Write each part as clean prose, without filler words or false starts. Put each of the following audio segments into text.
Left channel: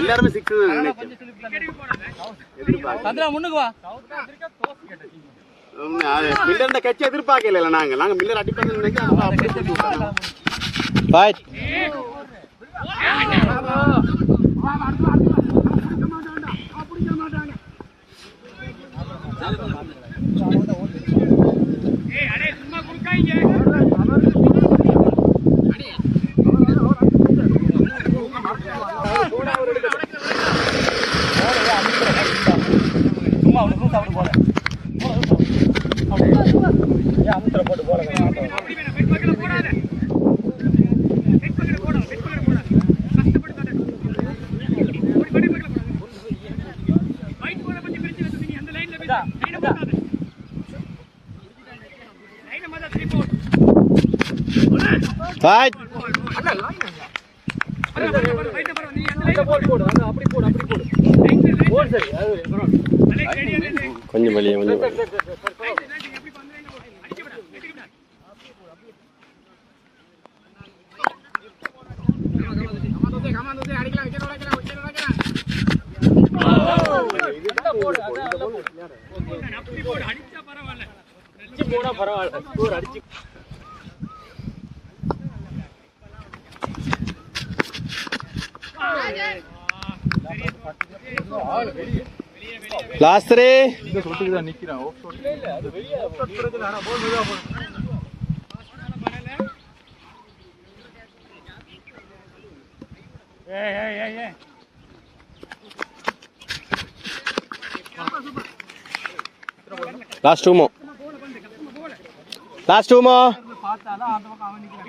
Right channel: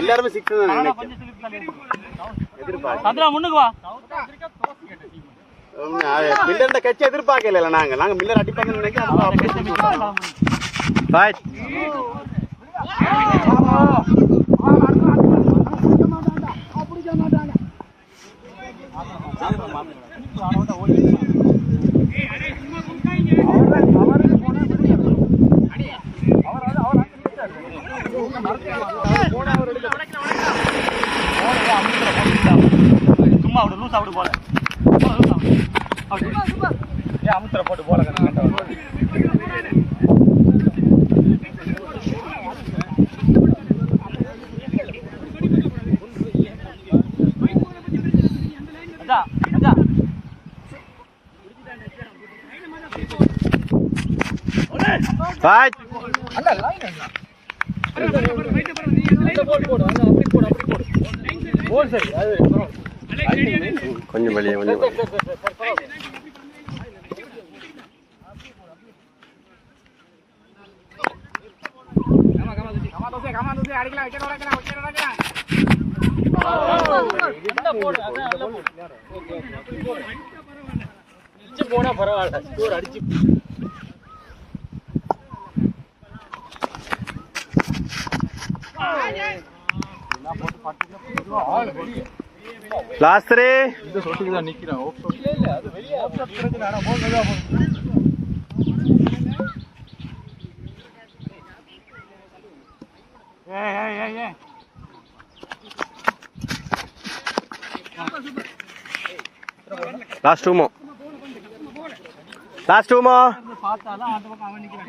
எல்லாருமே 6 தான். சந்திரா முன்னுக்கு வா. மில்லர்ட கட்சி எதிர்பார்க்கல நாங்க மில்லர் அடிப்பாங்கன்னு நினைக்கிறோம். பாய் சும்மா அப்படி லூஸ் அப்படி போல அமுத்திர போட்டு போல பாய் கொஞ்சம் வெளியே கொஞ்சம் போனா பரவாயில்ல அடிச்சு லாஸ்ட் 3 இந்த சொட்டுக்கு தான் நிக்கிறேன். ஓப் சொட்டு இல்ல அது வெளிய ஓப் சொட்டு பிரச்சனை ஆனா போல் மெதுவா போ. ஏய் லாஸ்ட் 2 மோ பார்த்தால அந்த பக்கம் அவன் நிக்கிறான்.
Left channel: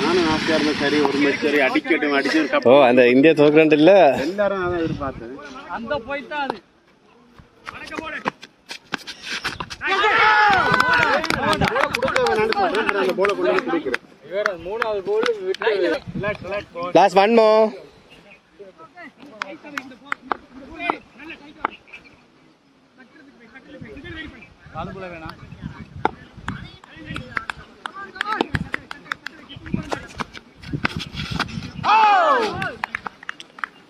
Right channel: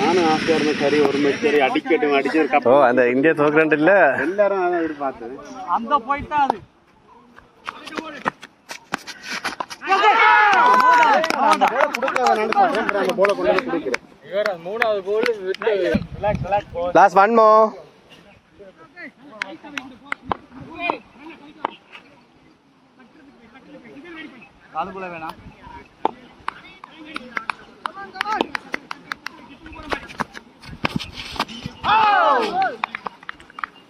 நானும் ஆஸ்திரேலியா சரி ஒரு மேட்ச் சரி அடிக்கட்டும் அடிச்சு ஒரு கப். ஓ அந்த இந்தியா தோக்குறேன் இல்ல எல்லாரும் அதான் எதிர்பார்த்தது. அந்த போயிட்டா அது இவர மூணாவது கோல் விட்டு ரிலாக்ஸ் லாஸ்ட் 1 மோ காலுக்குள்ள வேணாம்.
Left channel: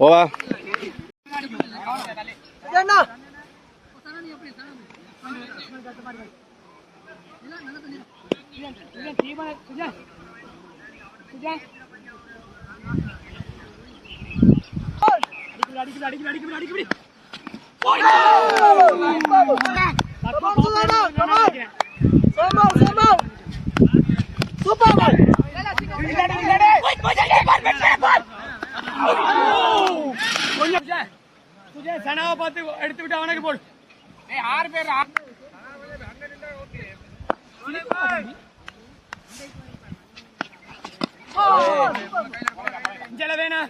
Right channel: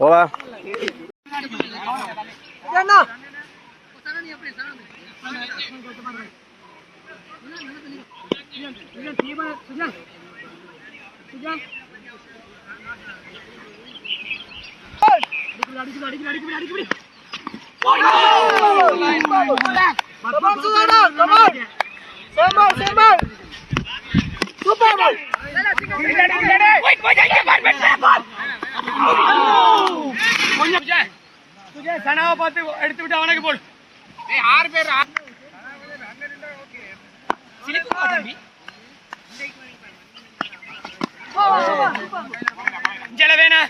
ஓவா சனாவை பார்த்து எடுத்து விட்டு அவனுக்கு போடு. 6 பேர் இஞ்சல வேணா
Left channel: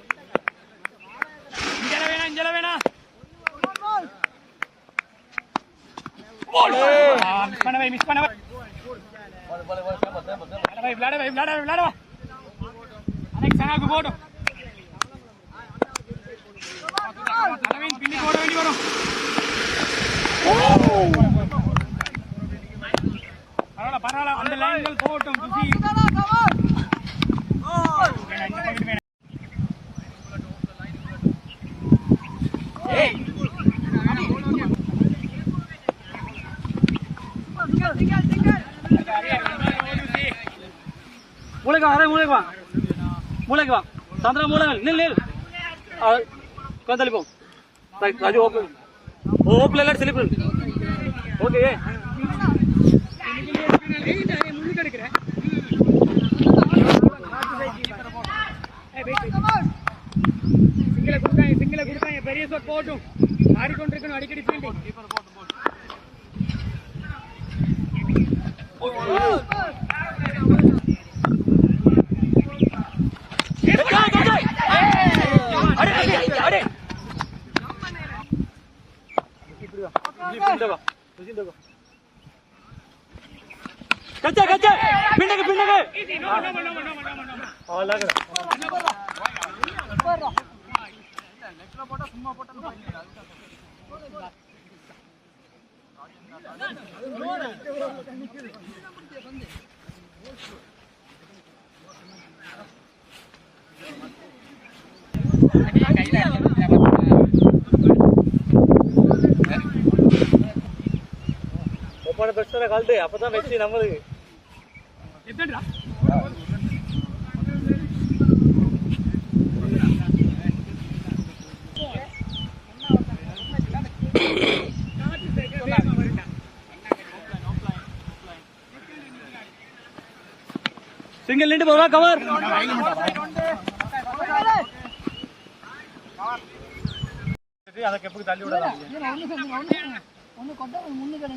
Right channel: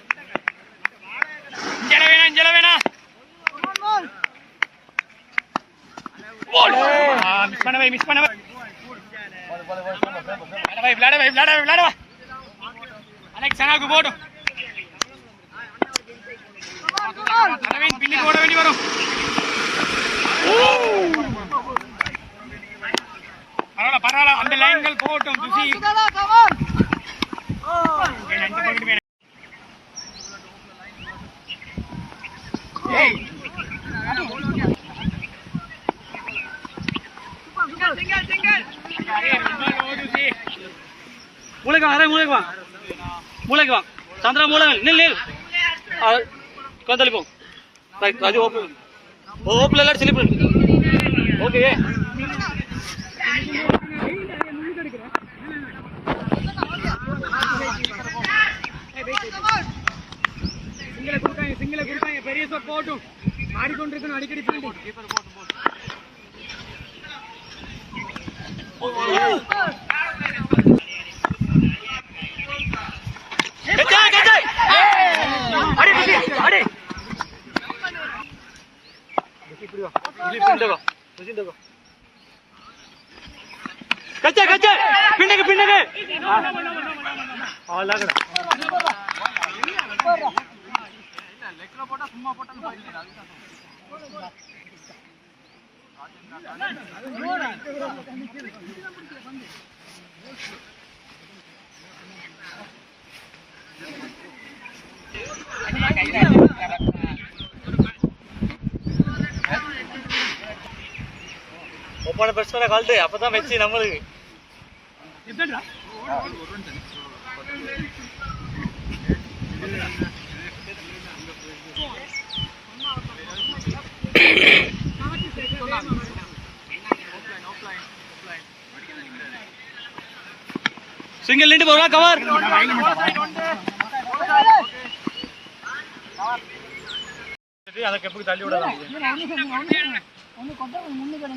மிஸ் பண்ண விளையாட அன்னைக்கு சனாவுக்கு போடும். பில்லி போட வேண்டி வரும். பரவாயில்ல அந்த லைன்கள் போட்டும். மூளைக்கு வா சந்திரா மூளை நில் தள்ளி போ. ராஜு ஓப்பல எல்லாம் ஸ்லிப் ஓகே. சிங்கில கொடுத்தாங்க பெரிய போட்டும் ஆடிக்கொண்டிருக்கணும். அடிக்கடி ஒப்பான பெருசான கால்ட்டு அப்பதான் வச்சு நம்மளுக்கு சிங்கிள் நின்று போறா கவர் ಅದಕ್ಕೆ ಎಪ್ಪು ತಳ್ಳಿ ಬಿಡೋದು ஒன்னு கொட்ட முன்னுக்கு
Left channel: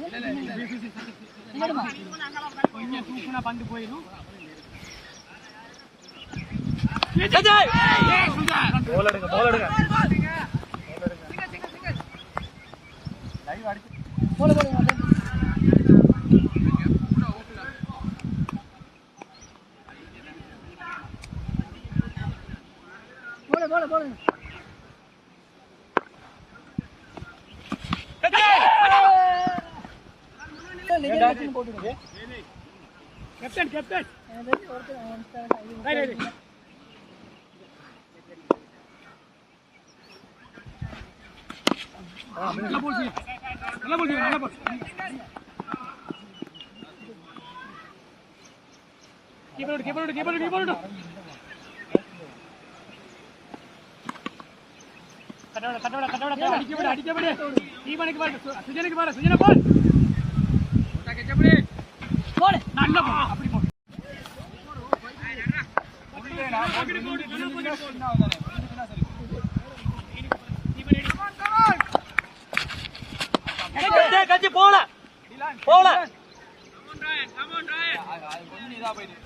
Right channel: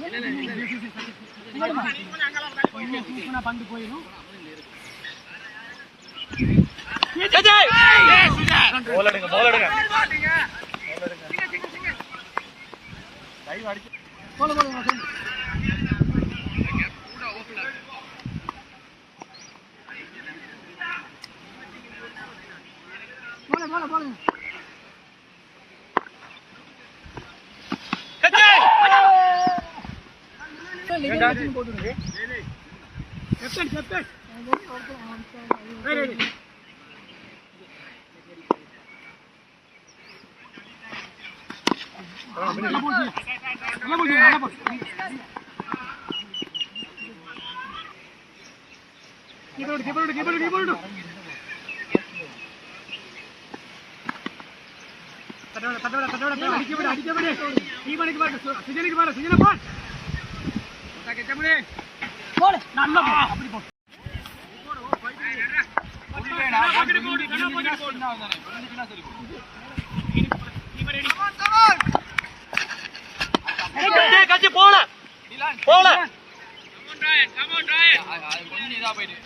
கொஞ்சம் தூக்குனா பந்து போயிடும் போல் எடுங்க போல் எடுங்க போல போல போல போல போட்டுருங்க கேப்டன் கேப்டன் நல்லா போச்சு நல்லா போச்சு நல்லா போச்சு கீபோர்டு கீபோர்டு கீபோர்டு கீபோர்டு கட்டோட கட்டோட கட்டோட அடிக்கபடி அடிக்கபடி ஈவனுக்கு பாரு சுஜனுக்கு பாரு சுஜன போடு ஓட்டா கெச்சபடி போடு நல்ல போடு அப்படி போடு கச்சி போல போல கொஞ்சம் இதா போயிடு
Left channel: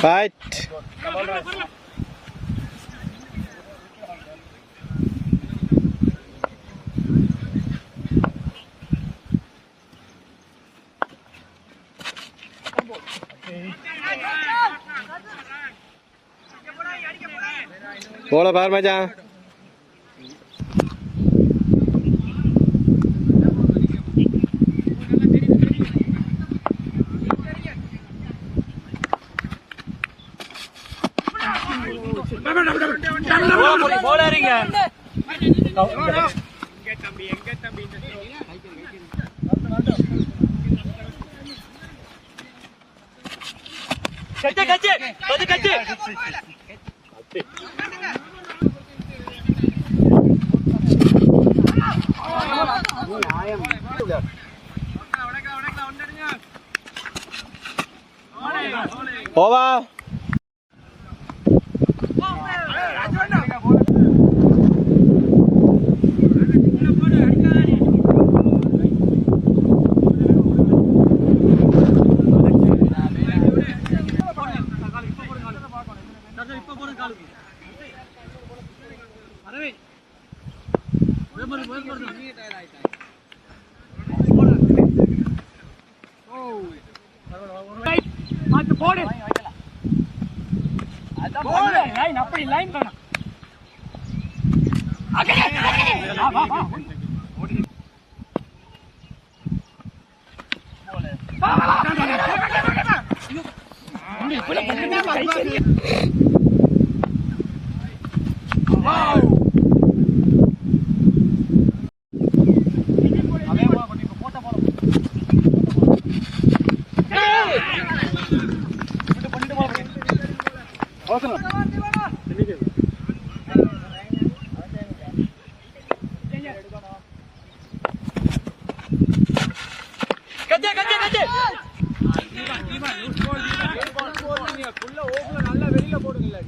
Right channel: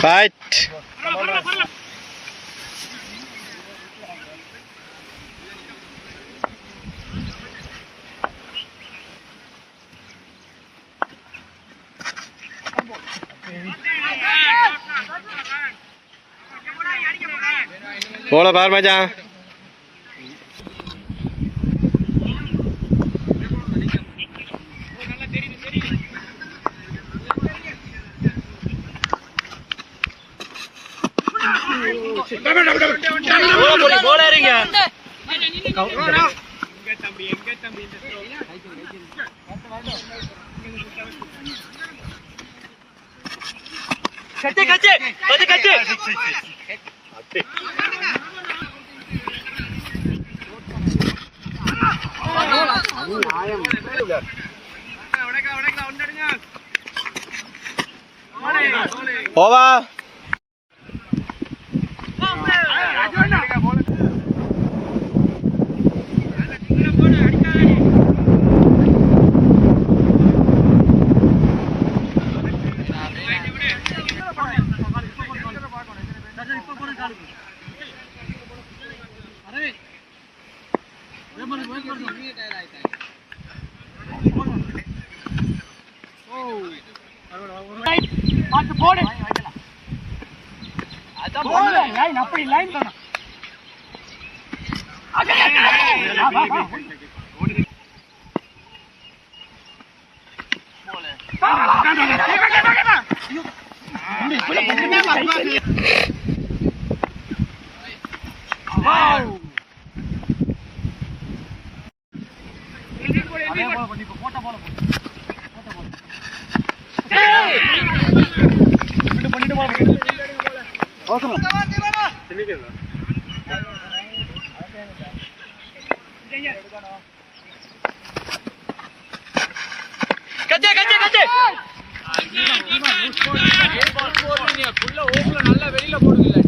ஃபைட் போல பார் மச்சான் போலாருங்க கச்சே கச்சே கச்சே கச்சே போவா போடு அப்படி லைன் தானா கச்சே கச்சே கச்சே நல்லா வெளியில போடுங்க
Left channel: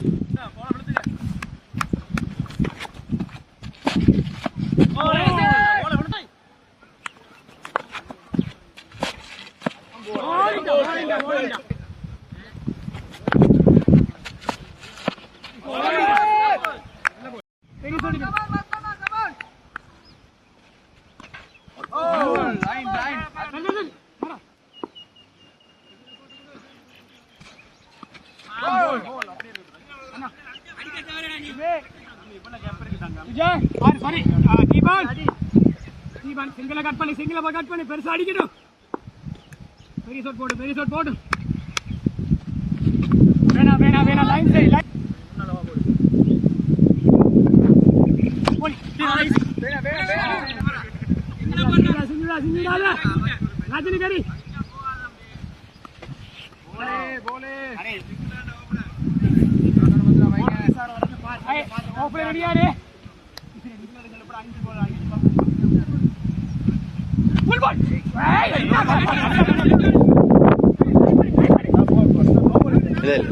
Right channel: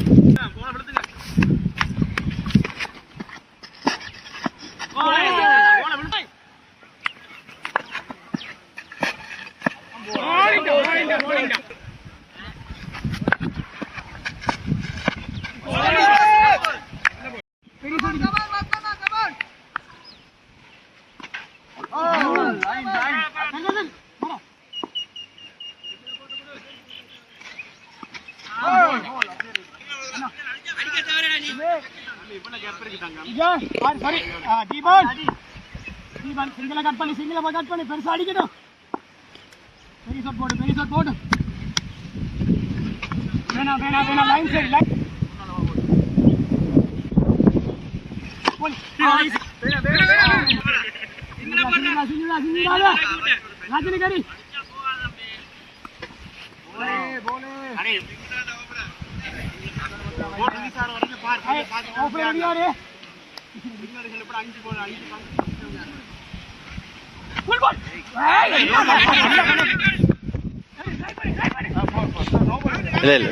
சிங்கிள கட் பண்ணி பெருசா அடிக்கணும் பெரிய ஷாட் போடு வேணா லைன் சரி லைன் போய் ராஜினி கரி போலே அடே ஓபே ரெடியா ரே ஃபுல் பால் ஏய் இல்ல இல்ல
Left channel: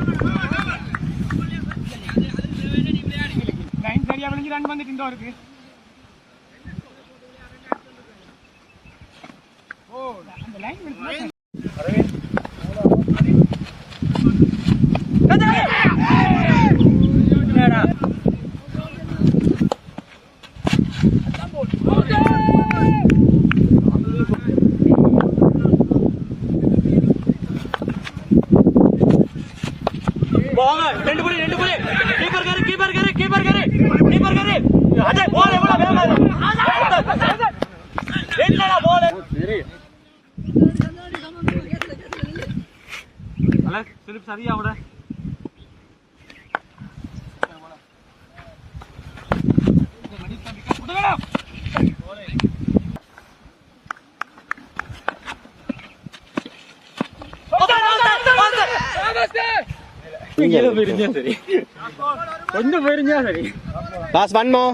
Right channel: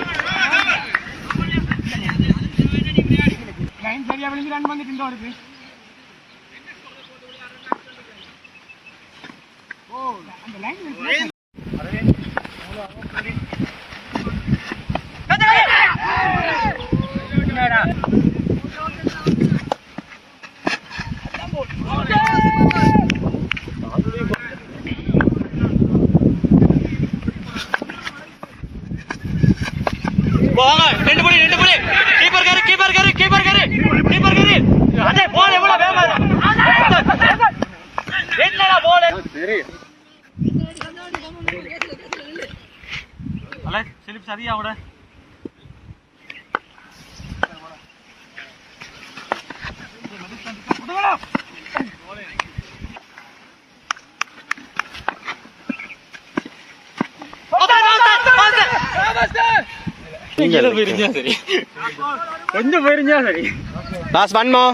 லைன் சரியா விழுந்து ரன் வந்துட்டு இந்தோ இருக்கு ஓ அந்த லைன் இருக்கு என்னடா ரெண்டு புள்ளி கீப்பர் கரு அஜய் பால் எவ்வளவு வேகமா என்னடா பால் சரி அலெக்ஸ் ஸ்லிப் சரியா அவட சரி கொஞ்சம் போயிருந்தா சரி லாஸ்ட் ஒன் மோ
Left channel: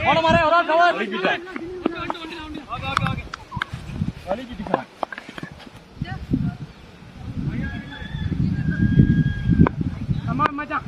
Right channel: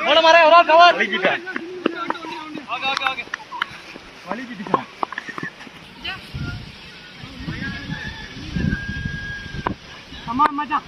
போன மாரே ஒரு கவர் அம்மா மச்சான்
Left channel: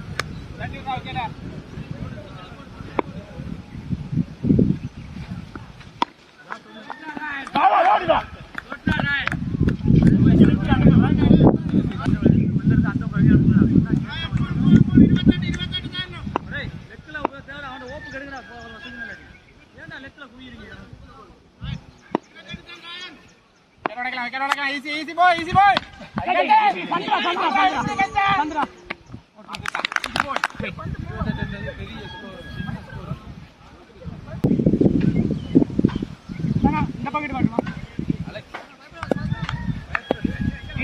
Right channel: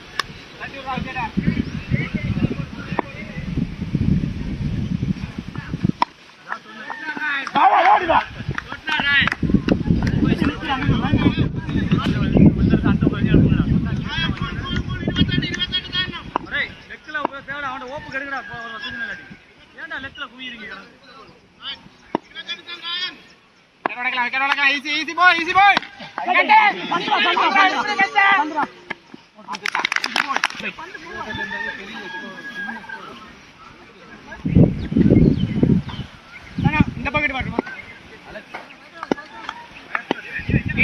easy boy Sandra இந்த பாக்கெட் பாருங்க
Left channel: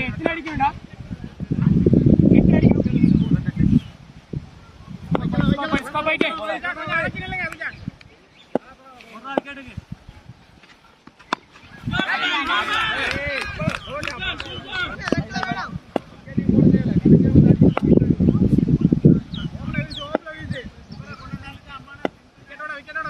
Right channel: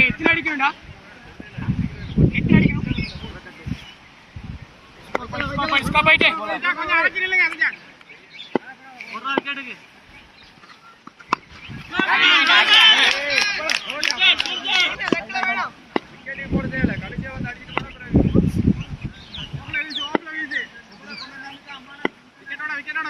எத்தனை அடிக்கணும்டா எத்தனை அடிக்கணும் போயிட்டு கொஞ்சம் அரைச்சு நில்லுங்க அதுக்கு ஒரு நாள் கேட்டுக்கு போடுதே இல்ல கடைசியா வந்து